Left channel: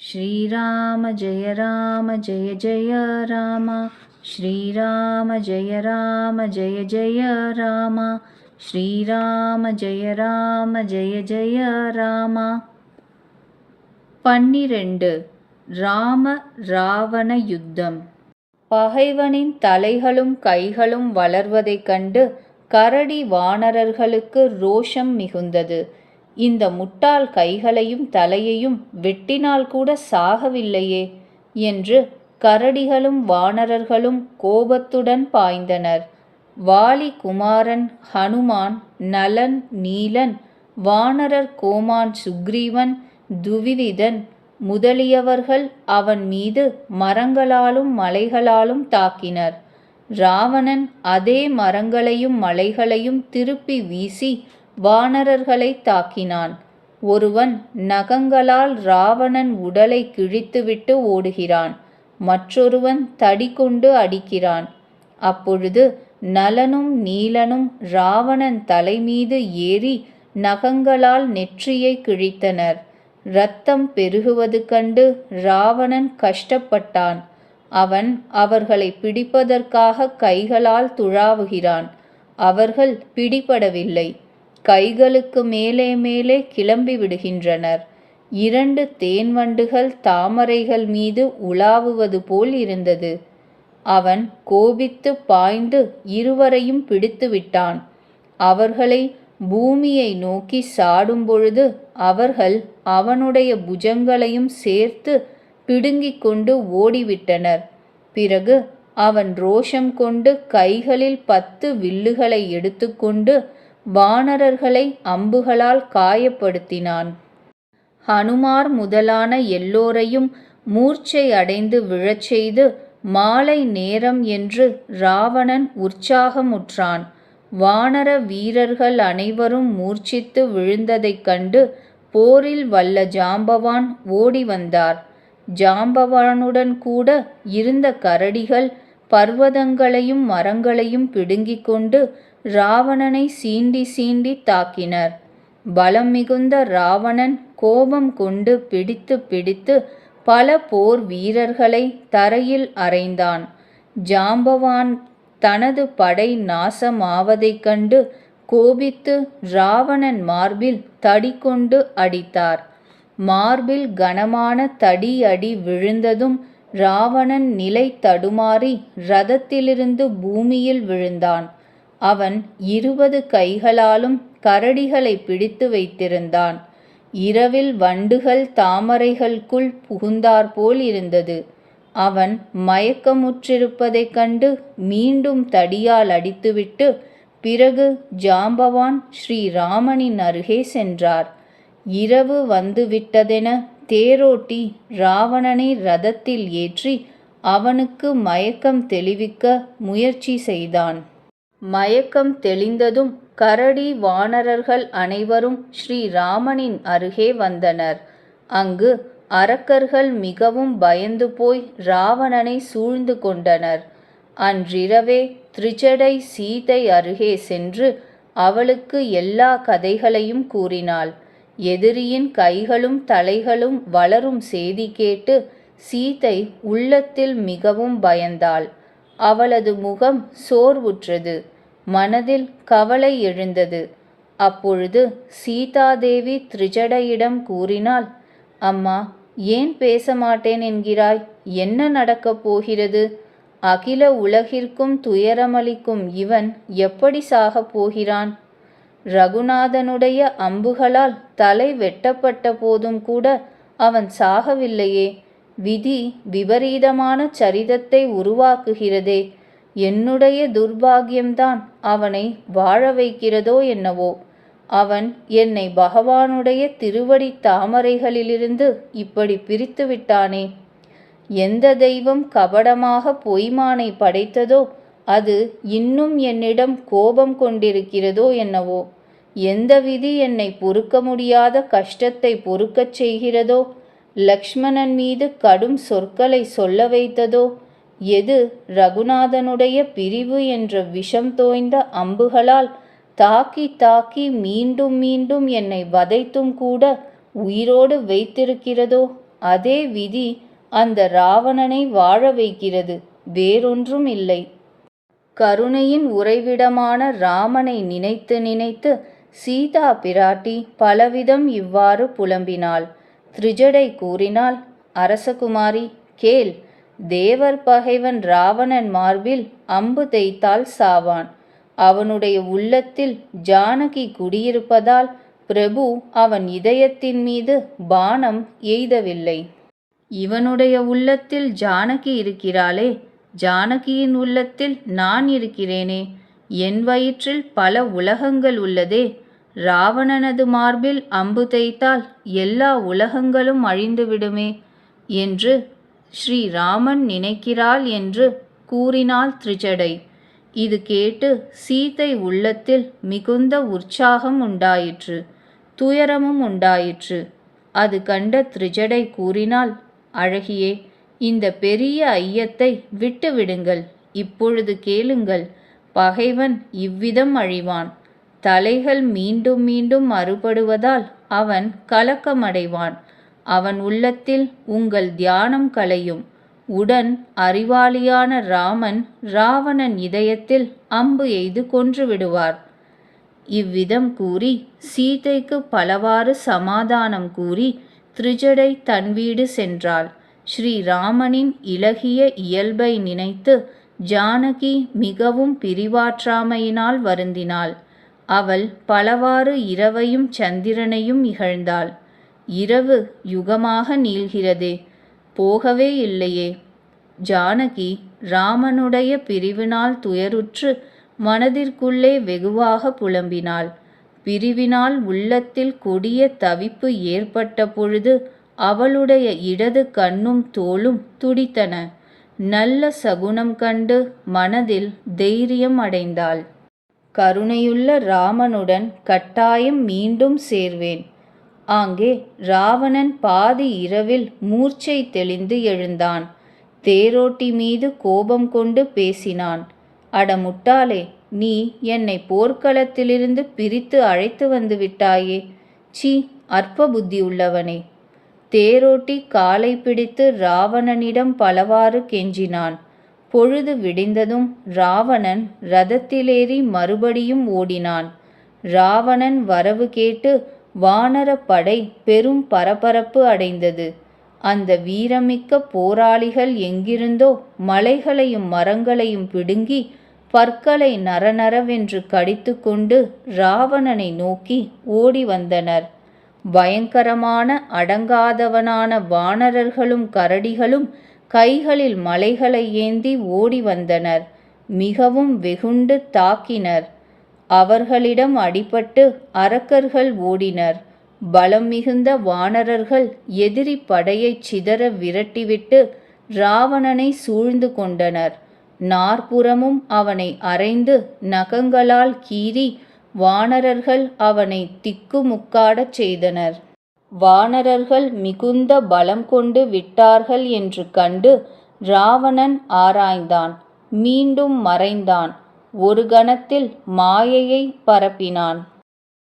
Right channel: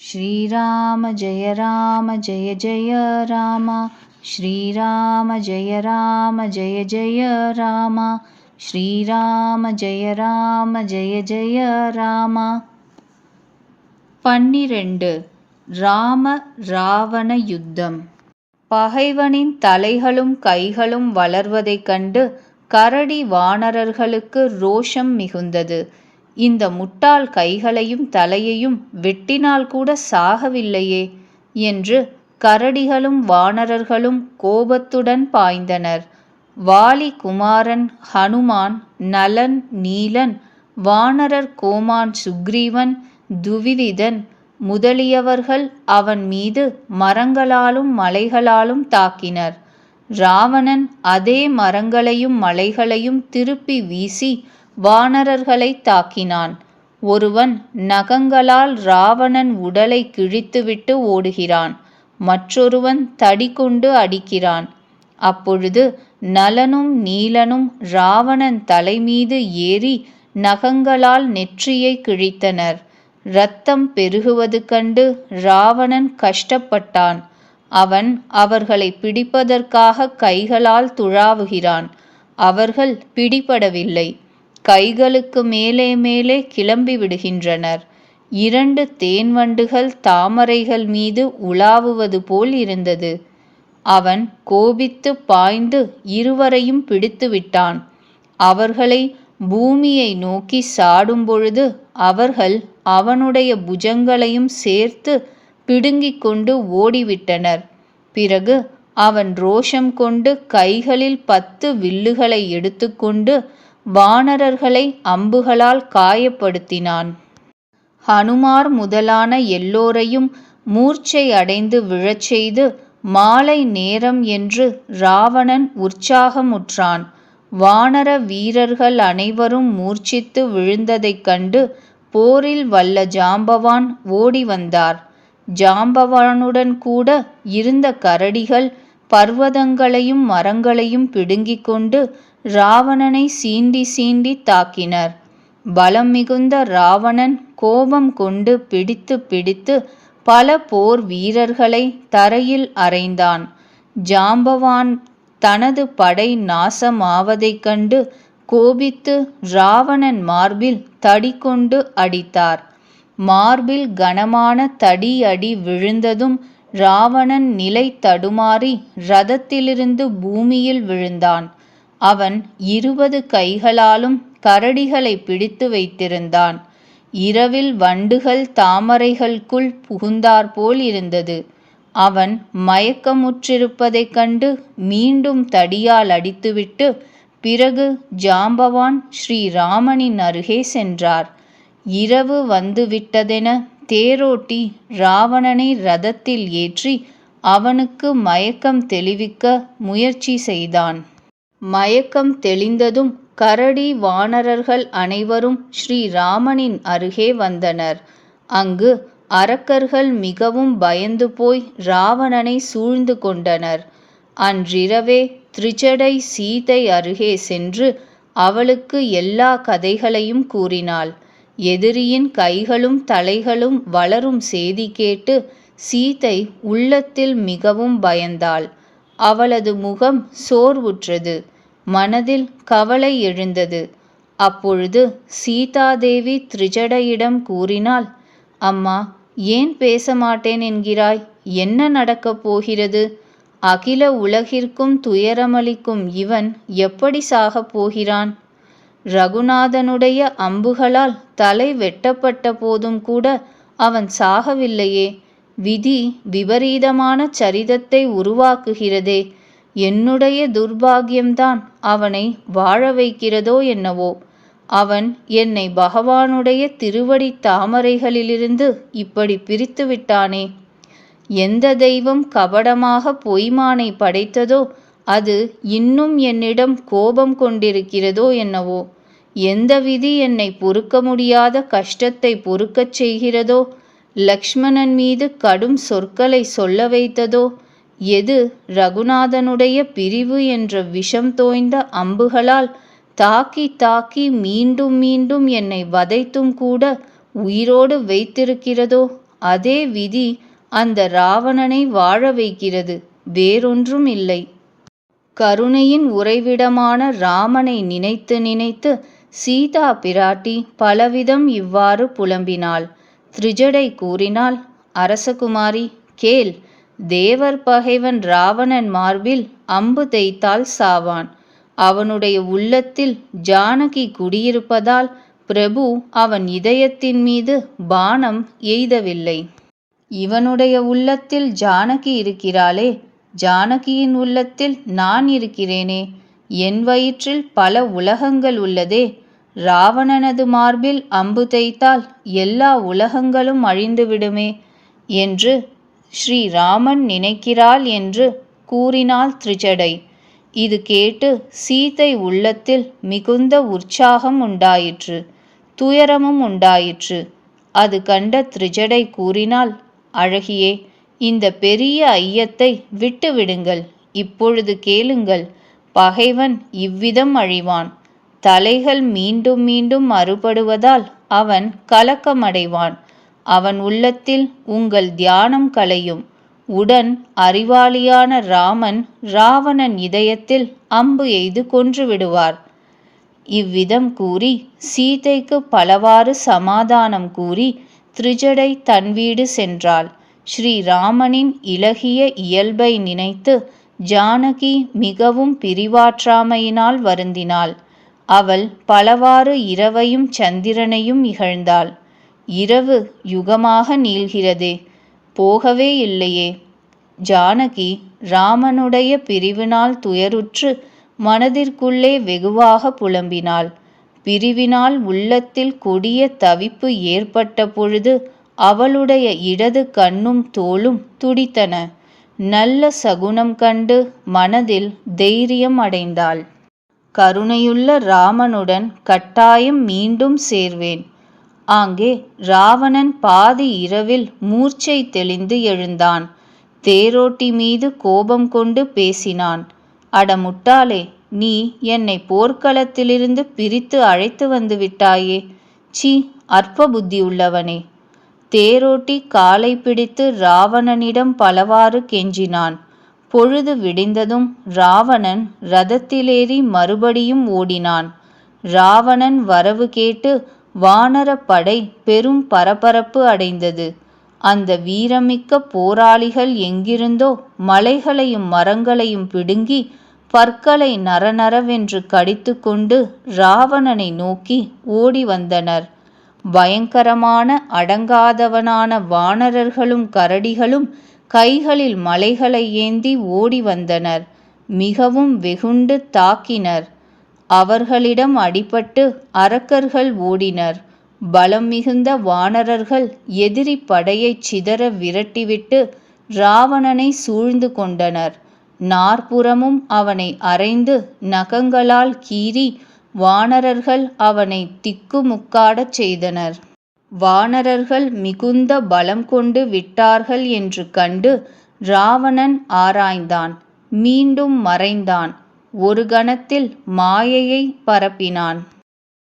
श्रीराम जय राम जय जय राम श्रीराम जय राम जय जय राम श्रीराम जय राम जय जय राम பன்னிரண்டு ராம ராவண யுத்தம் பகைவனின் தலைகளும் கைகளும் வளர்வதைக் கண்டு கரடி வானரர்களுக்கு ரோஷம் மிகுந்தது இந்த முட்டாள் கைகளையும் தலையையும் வெட்டினால் கூட சாகவில்லையே என்று கரடிகளும் வானரர்களும் கோபத்துடன் பாய்ந்தனர். வாலி குமாரன் ஹனுமான் நலன் நீலன் வானரர் கோமான் சுக்ரீவன் துவிவிதன் முதலியவர்கள் அவன் மீது மரங்களாலும் மலைகளாலும் தாக்கினர். ராவணன் அதே மரங்களையும் மலைகளையும் திருப்பி வீசி வானரர்களை தாக்கினான். ஒருவன் நகங்களால் ராவணன் உடலை கிழித்துவிட்டு ஓடுகிறான். மற்றொருவன் தடி கொண்டு அடிக்கிறான். அப்பொழுது நலனும் நீலனும் ராவணன் தலைமீது ஏறி நகங்களால் நெற்றியை கிழித்தனர். இரத்தம் பெருகுவது கண்டு ராவணன் கஷ்டப்பட்டான். அவன் அவர்களை பிடிப்பதற்காக கைகளால் துழாவுகிறான். அவர்கள் பிடிபடவில்லை. கைகளுக்கு மேலே மேலே கிளம்பி விடுகின்றனர். இரண்டு தேன்வண்டுகள் தாமரைகள் மீது உலாவுவது போல் இருந்தது. அவன் கோபித்து பாய்ந்து இருவரையும் பிடித்து விட்டான். அவர்களை பூமியை நோக்கி சாடும் பொழுது அவர்கள் அவனுடைய புஜங்களையும் சேர்த்து பிடுங்கிக் கொண்டு ஓடிவிட்டனர். பிறகு அவன் ரோஷம் கொண்டு கைகளில் பத்து வில்லுகளை எடுத்துக்கொண்டு வானரர்களை அம்புகளால் காயப்படுத்தினான். ஹனுமார் முதலான எல்லோரையும் மூர்ச்சை அடைந்து விழச் செய்து மாலை நேரம் என்று ராவணன் உற்சாகமுற்றான். வானர வீரர்கள் அனைவரும் மூர்ச்சித்து விழுந்ததைக் கண்டு போரில் வல்ல ஜாம்பவான் ஓடி வந்தார். ஜாம்பவானுடன் கூட இருந்த கரடிகள் பர்வதங்களையும் மரங்களையும் பிடுங்கிக் கொண்டு ராவணனை சீண்டி சீண்டி தாக்கினர். பலம் மிகுந்த ராவணன் கோபம் கொண்டு பிடித்து பிடித்து பல போர் வீரர்களை தரையில் அறைந்தான். ஜாம்பவான் தனது படை நாசமாவதைக் கண்டு கோபித்து ராவணன் மார்பில் தடி கொண்டு அடித்தார். மார்பில் கனமான தடி அடி விழுந்ததும் ராவணன் நிலை தடுமாறி ரதத்திலிருந்து பூமியில் விழுந்தான். அவன் இருபது கைகளாலும் கரடிகளை பிடித்து வைத்திருந்தான். இரவில் வண்டுகள் தாமரைகளுக்குள் புகுந்தாற்போல் இருந்தது. அவன் மயக்கமுற்றிருப்பதைக் கண்டு மீண்டும் தடியால் அடித்துவிட்டு பிறகு ஜாம்பவான் ஸ்ரீராமனின் அருகே சென்றார். இரவு வந்துவிட்டதென தேரோட்டி ராவணனை ரதத்தில் ஏற்றி அவனுக்கு மயக்கம் தெளிவிக்க முயற்சி செய்தான். மயக்கம் தெளிந்ததும் கரடி வானரர்கள் அனைவரும் ஸ்ரீராமனின் அருகே வந்தனர். அங்கு அரக்கர்கள் மிகவும் பயந்து போய் ராவணனை சூழ்ந்து கொண்டனர். அன்றிரவே திரிஜடை சீதை அருகே சென்று அவளுக்கு எல்லா கதைகளையும் கூறினாள். எதிரியின் கைகளும் தலைகளும் வளரும் செய்தி கேட்டு சீதை உள்ளத்தில் மிகவும் பயந்தாள். அவளது முகம் சோர்வுற்றது. மனதில் கவலை எழுந்தது. அப்பொழுது சீதாதேவி திரிஜடையிடம் கூறினாள் அம்மா ஏன் பேச மாட்டேன் என்கிறாய்? என்ன நடக்கப் போகிறது? அகில உலகிற்கும் துயரமளிக்கும் இவன் எப்படி சாகப் போகிறான்? ரகுநாதனுடைய அம்புகளால் தலை வெட்டப்பட்ட போதும் கூட அவன் சாகவில்லையே. விதி விபரீதமான சரிதத்தை உருவாக்குகிறதே. என்னுடைய துர்பாகியம்தான் அவனை வாழ வைக்கிறதோ என்னவோ. அவன் என்னை பகவானுடைய திருவடி தாமரைகளிலிருந்து இப்படி பிரித்து விட்டானே. எந்த தெய்வம் கபடமாக பொய்மானை படைத்ததோ அது இன்னும் என்னிடம் கோபம் கொண்டிருக்கிறதோ என்னவோ. எந்த விதி என்னை பொறுக்க முடியாத கஷ்டத்தை பொறுக்கச் செய்கிறதோ லக்ஷ்மணன் மீது கடும் சொற்களை சொல்ல வைத்ததோ? எது ரகுநாதனுடைய பிரிவு என்ற விஷம் தோய்ந்த அம்புகளால் தாக்கி தாக்கி மீண்டும் மீண்டும் என்னை வதைத்தும் கூட உயிரோடு வைத்திருக்கிறதோ? அதே விதி அந்த ராவணனை வாழ வைக்கிறது வேறொன்றும் இல்லை. கருணையின் உறைவிடமான ராமனை நினைத்து நினைத்து சீதா பிராட்டி பலவிதம் இவ்வாறு புலம்பினாள். திரிஜடை கூறினால் அரசகுமாரி கேள். தேவர் பகைவன் ராவணன் மார்பில் அம்பு தைத்தால் சாவான். அவனுடைய உள்ளத்தில் ஜானகி குடியிருப்பதால் பிரபு அவன் இதயத்தின் மீது பானம் எய்தவில்லை. இவனுடைய உள்ளத்தில் ஜானகி இருக்கிறாளே. ஜானகியின் உள்ளத்தில் நான் இருக்கிறேனே. என் வயிற்றில் பல உலகங்கள் உள்ளதே. ராவணனது மார்பில் அம்பு தைத்தால் எல்லா உலகங்களும் அழிந்துவிடுமே என்று ஸ்ரீராமன் நினைக்கிறாள் என்று கூறினாள் திரிஜடை இது கேட்டு சீதை உள்ளத்தில் மிகுந்த உற்சாகம் உண்டாயிற்று துயரமும் உண்டாயிற்று. அது கண்ட திரிஜடை கூறினால் அழகியே இந்த பெரிய ஐயத்தை விட்டுவிடுங்கள். இப்பொழுது கேளுங்கள் பகைவன் இவ்விதம் அழிவான். தலைகள் மீண்டும் மீண்டும் அறுபடுவதால் அவன் கலக்கமடைவான். அவன் உள்ளத்தில் உங்கள் தியானம் கலையும். உடன் அறிவாளியான ராமன் ராவணன் இதயத்தில் அம்பு எய்து கொன்று விடுவார். இவ்விதம் கூறி சீதைக்கு பலவாறு சமாதானம் கூறி திரிஜடை தன் வீடு சென்றாள். ஸ்ரீராமனின் இலகிய இயல்பை நினைத்து ஜானகி மிகவும் பிரிவாற்றாமையினால் வருந்தினாள். அவள் பலவாறு இரவையும் சந்திரனையும் இகழ்ந்தாள். இரவு யுகமாக நீள்கிறதே போகவே இல்லையே. ஜானகி ராமனுடைய பிரிவினால் துயருற்று மனதிற்குள்ளே வெகுவாக புலம்பினாள். பிரிவினால் உள்ளத்தில் கொடிய தவிப்பு ஏற்பட்ட பொழுது அவளுடைய இடது கண்ணும் தோளும் துடித்தன. நல்ல சகுனம் கண்டு மனதில் தைரியம் அடைந்தாள். கருணையுள்ள ராமனுடன் கட்டாயம் மீண்டும் சேர்வேன். ஆங்கே ராவணன் பாதி இரவில் மூர்ச்சை தெளிந்து எழுந்தான். தேரோட்டி மீது கோபம் கொண்டு பேசினான். அட முட்டாளே நீ என்னை போர்க்களத்திலிருந்து பிரித்து அழைத்து வந்து விட்டாயே. சி அற்ப புத்தி உள்ளவனே. தேரோட்டி காலை பிடித்து ராவணனிடம் பலவாறு கெஞ்சினான். பொழுது விடிந்ததும் ராவணன் ரதத்திலேறி மறுபடியும் ஓடினான். ராவணன் வரவு கேட்டு வானரப் படை பெரும் பரபரப்பு அடைந்தது. அந்த வீரமிக்க போராளிகள் எங்கிருந்தோ மலைகளையும் மரங்களையும் பிடுங்கி பற்களை நரநரவென்று கடித்துக்கொண்டு ராவணனை நோக்கி ஓடி வந்தனர். பயங்கரமான அடங்காதவனான வானரர்களும் கரடிகளும் கைகளில் மலைகளை ஏந்தி ஓடி வந்தனர் மிகவும் வெகுண்டு தாக்கினர். அவர்களிடம் அடிபட்டு அரக்கர்கள் ஓடினர். பலம் மிகுந்த வானரர்கள் எதிரி படையைச் சிதற விரட்டிவிட்டு ராவணனை சூழ்ந்து கொண்டனர். நாற்புறமும் அவனை அரைந்து நகங்களால் கீறி வானரர்கள் அவனை திக்குமுக்காடச் செய்தனர். வானரர்கள் மிகுந்த பலம் கொண்டு விட்டார்கள் என்று கண்டு ராவணன் ஆராய்ந்தான். மீண்டும் மறைந்தான். ஒரு கணத்தில் மாயையை பரப்பினான்.